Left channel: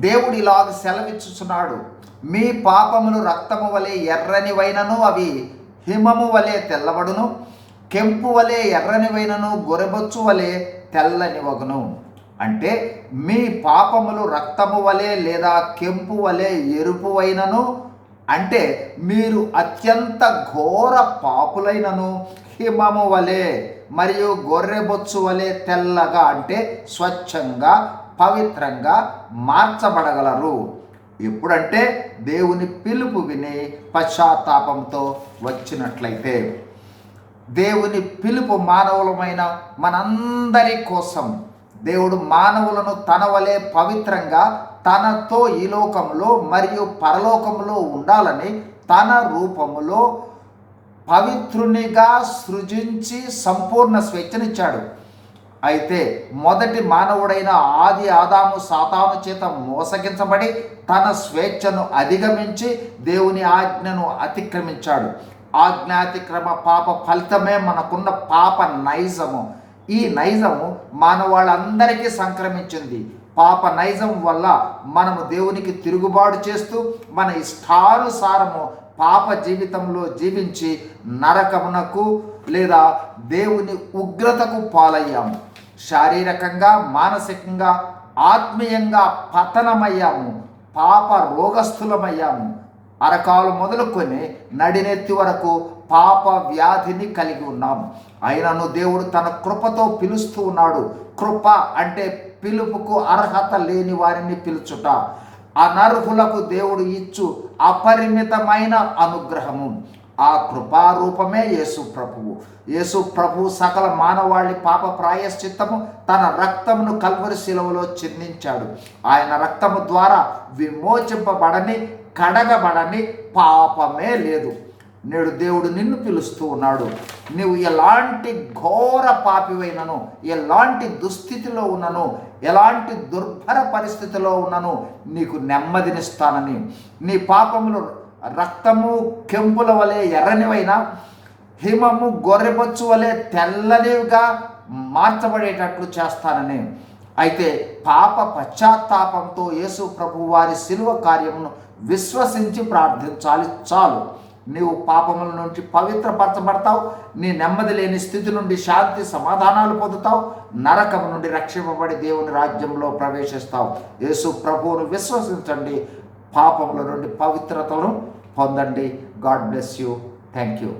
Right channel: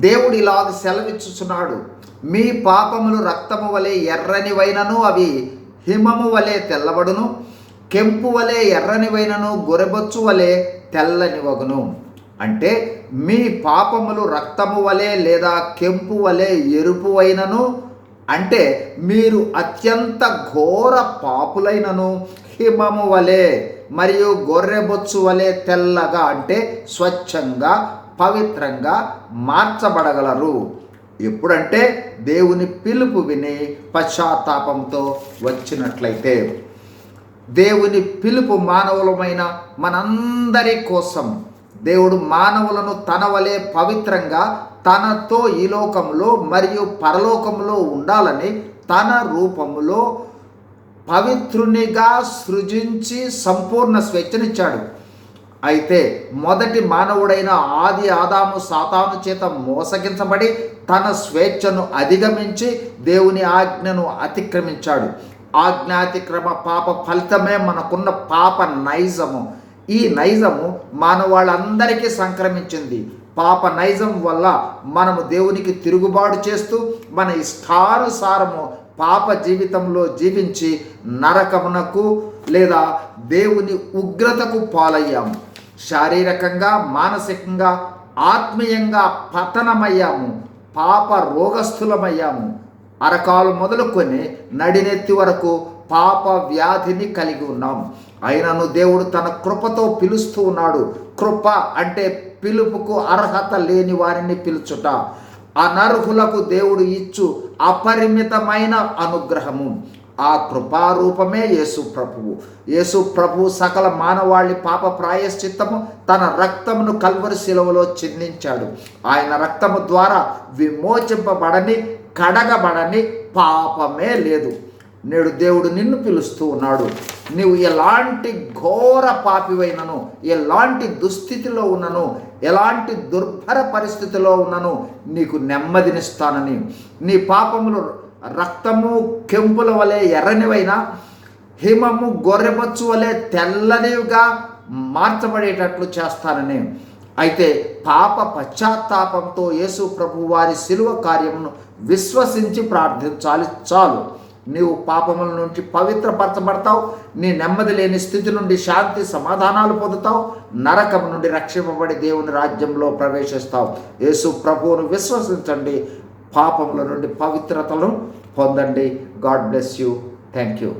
దేవుడు ఇలాగ సెలవిచ్చుచున్నాడు. మీ పాపములు రక్తము వలె ఎర్రనివైనను అవి హిమము వలె తెల్లబడును. కెంపు వలె ఎర్రనివైనను గొరబొచ్చు వలె తెల్లనివగును. అంటే మీ పాపములు రక్తము వలె లేదా కెంపు వలె ఎరుపు అంటే మీరు అత్యంత ఘోర పాపులైనను. హిమము వలె మరియు గొర్రెబొచ్చు వలె తెల్లగా అంటే స్వచ్ఛంగా పవిత్రంగా మార్చబడగలరు. ఎప్పుడంటే దేవుని పిలుపు విని పశ్చాత్తాపంతో వచ్చినట్లయితే. దేవుని పిలుపు మానవులమైన మనందరి కోసం దేవుడు మానవులను తన వలె పవిత్రంగా తనతో ఈ లోకంలో మరియు పరలోకంలో ఉండాలని తన రూపములో పవిత్రునిగా సృజించి సంపూర్ణ స్వేచ్ఛనిచ్చాడు. అయితే మొదటి మానవుడైన ఆది ఆదాము సాతాను చేత మోసగించబడి తన స్వేచ్ఛను అధిగమించి దేవుని ఆజ్ఞను అతిక్రమించాడు. ఆజ్ఞాతిక్రమ పాప ఫలితమే మనకున్న పాప నైజము. ఈ నైజము మానవాళ్ళందరికీ సంక్రమించింది. పాప నైజం వల్ల మనము దేవునికి తిరుగుబాటు చేస్తూ మన ఇష్టానుసారము పాప జీవితంలో జీవించి నరకమునకు లేదా దేవుని ఉగ్రతకు పాలయ్యాము. శారీరకంగా మానసికంగా ఆత్మీయంగా పతనమయ్యాము పాప రోగస్థులమయ్యాము. అరకాలు మొదలుకొని నడినెత్తి వరకు పాప వ్యాధిని కలిగి ఉన్నాం. అయినను దేవుడు తన కృపతో పిలుస్తూ ఉన్నాడు. కృప అంటే పిలుపుకు అర్హత లేని వారిని పిలుచుట. అనర్హులకు దేవుడు ఇచ్చు అపరిమితమైన అనుగ్రహము. ఆ కృపారూపమే యేసు ప్రభువు. యేసు ప్రభు సకల మానవాళి పాప ప్రాయశ్చిత్తము తన రక్తమును కల్వరి శిలవలో చిందించాడు. ఆయన రక్తము ద్వారా విమోచింపబడని కడగబడని పాపమే లేదు. నేడు దేవుడు నిన్ను పిలుస్తూ ఉన్నాడు. నీవు ఎలాంటి ఘోర పాపివైనను ఎలాంటి దుస్థితిలో ఉన్నను ఎలాంటి దుర్భర పరిస్థితిలో ఉన్నను నీకు నెమ్మదినిస్తానని. నీ పాపములు రక్తము కెంపుల వలె ఎర్రనివైన హిమము గొర్రెపచ్చు వలె తెల్లనివిగా మార్చబడేటట్లు చేస్తానని. అయితే పాప పశ్చాత్తాపంతో యేసు ప్రభు వారి శిలువ కార్యమును విశ్వసించి ప్రార్థించాలి. చాలు. నీవు పాపముల నుంచి పవిత్రపరచబడతావు. నీ నెమ్మది లేని స్థితి నుండి శాంతి సమాధానాలు పొందుతావు. నరకము నుండి రక్షింపబడి దేవుని రాజ్యంలో ప్రవేశిస్తావు. యేసు ప్రభువును విశ్వసించండి. పాపముల నుండి పవిత్రతను పొందండి. God bless you. Thank you